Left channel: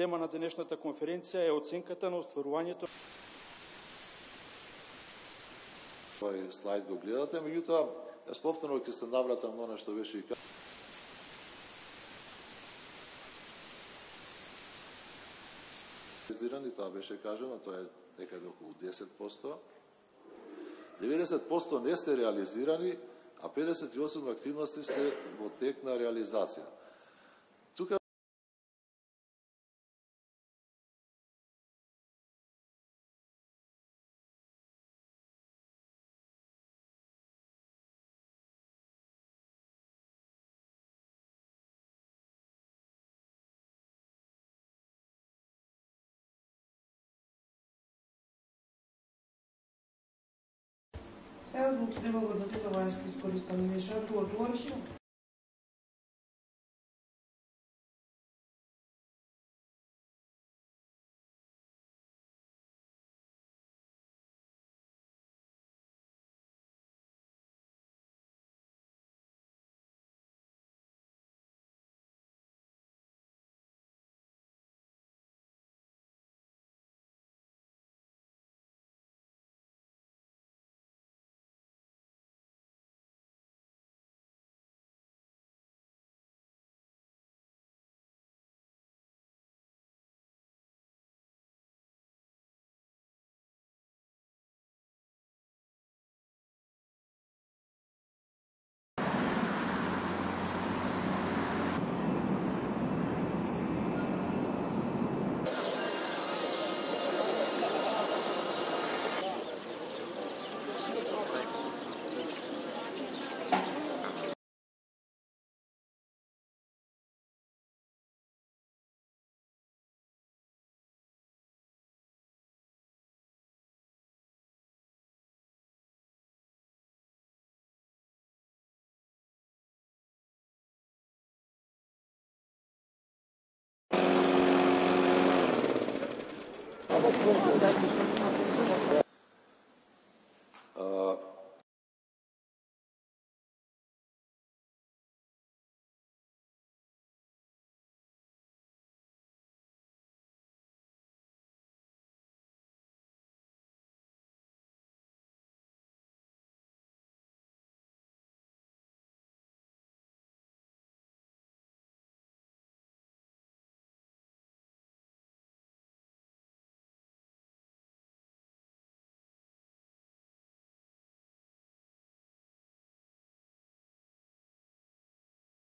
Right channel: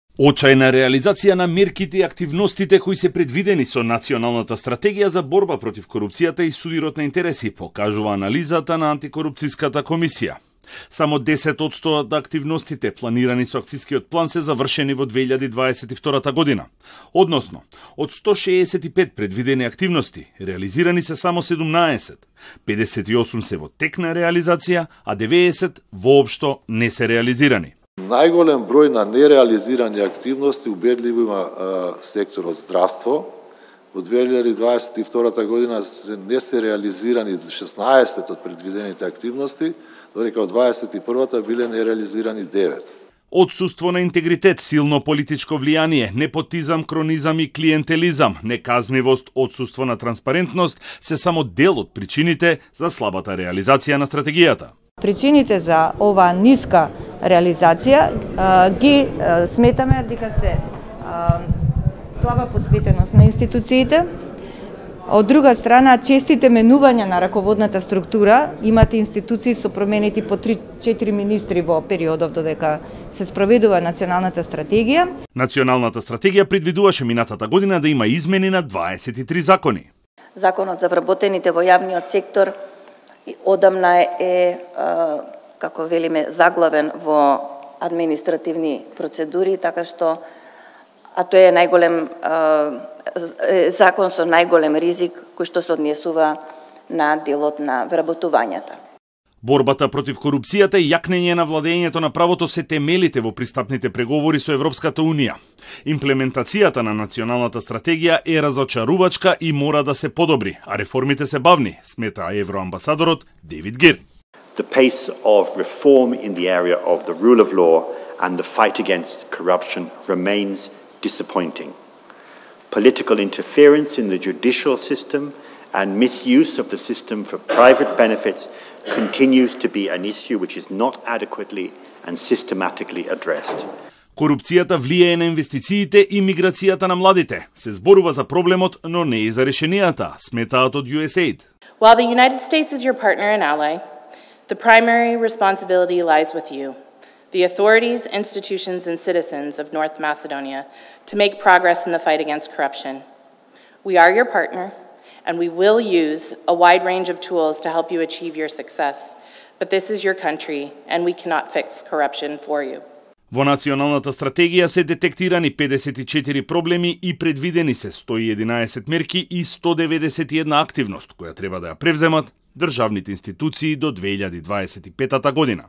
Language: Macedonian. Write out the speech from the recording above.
Очајна реализација на мерките и активностите кои се предвидени со Националната стратегија за борба против корупцијата и сувирот на интереси, покажува анализата на Антикорупцијската комисија. Само 10% од активностите планирани со акцискиот план се завршени во 2022 година. Односно, од 165 предвидени активности, реализирани се само 17, 58 се во тек на реализација, а 90 воопшто не се реализирани. Најголем број на нереализирани активности убедливо има секторот здравство. Во 2022 година не се реализирани 16 од предвидените активности, додека од 21-та биле нереализирани 9. Отсуство на интегритет, силно политичко влијание, непотизам, кронизам и клиентелизам, неказнивост, отсуство на транспарентност се само дел од причините за слабата реализација на стратегијата. Причините за оваа ниска реализација ги сметаме дека се слаба посветеност на институциите. Од друга страна, честите менувања на раководната структура, имате институции со променети по 3-4 министри во периодов додека се спроведува националната стратегија. Националната стратегија предвидуваше минатата година да има измени на 23 закони. Законот за вработените во јавниот сектор одамна е, како велиме, заглавен во административни процедури, така што тоа е најголем закон со најголем ризик кој што се однесува на делот на вработувањата. Борбата против корупцијата и јакнење на владењето на правото се темелите во пристапните преговори со Европската Унија. Имплементацијата на националната стратегија е разочарувачка и мора да се подобри, а реформите се бавни, смета евроамбасадорот Дейвид Гир. The pace of reform in the area of the rule of law and the fight against corruption remains disappointing. Political interference in the judicial system and misuse of the system for private benefits continues to be an issue which is not adequately and systematically addressed. Корупцијата влијае на инвестициите и миграцијата на младите. Се зборува за проблемот, но не и за решенијата, сметаат од USAID. While the United States is your partner and ally, the primary responsibility lies with you, the authorities, institutions, and citizens of North Macedonia, to make progress in the fight against corruption. We are your partner, and we will use a wide range of tools to help you achieve your success. But this is your country, and we cannot fix corruption for you. Во националната стратегија се детектирани 54 проблеми и предвидени се 111 мерки и 191 активност, која треба да ја превземат државните институции до 2025 година.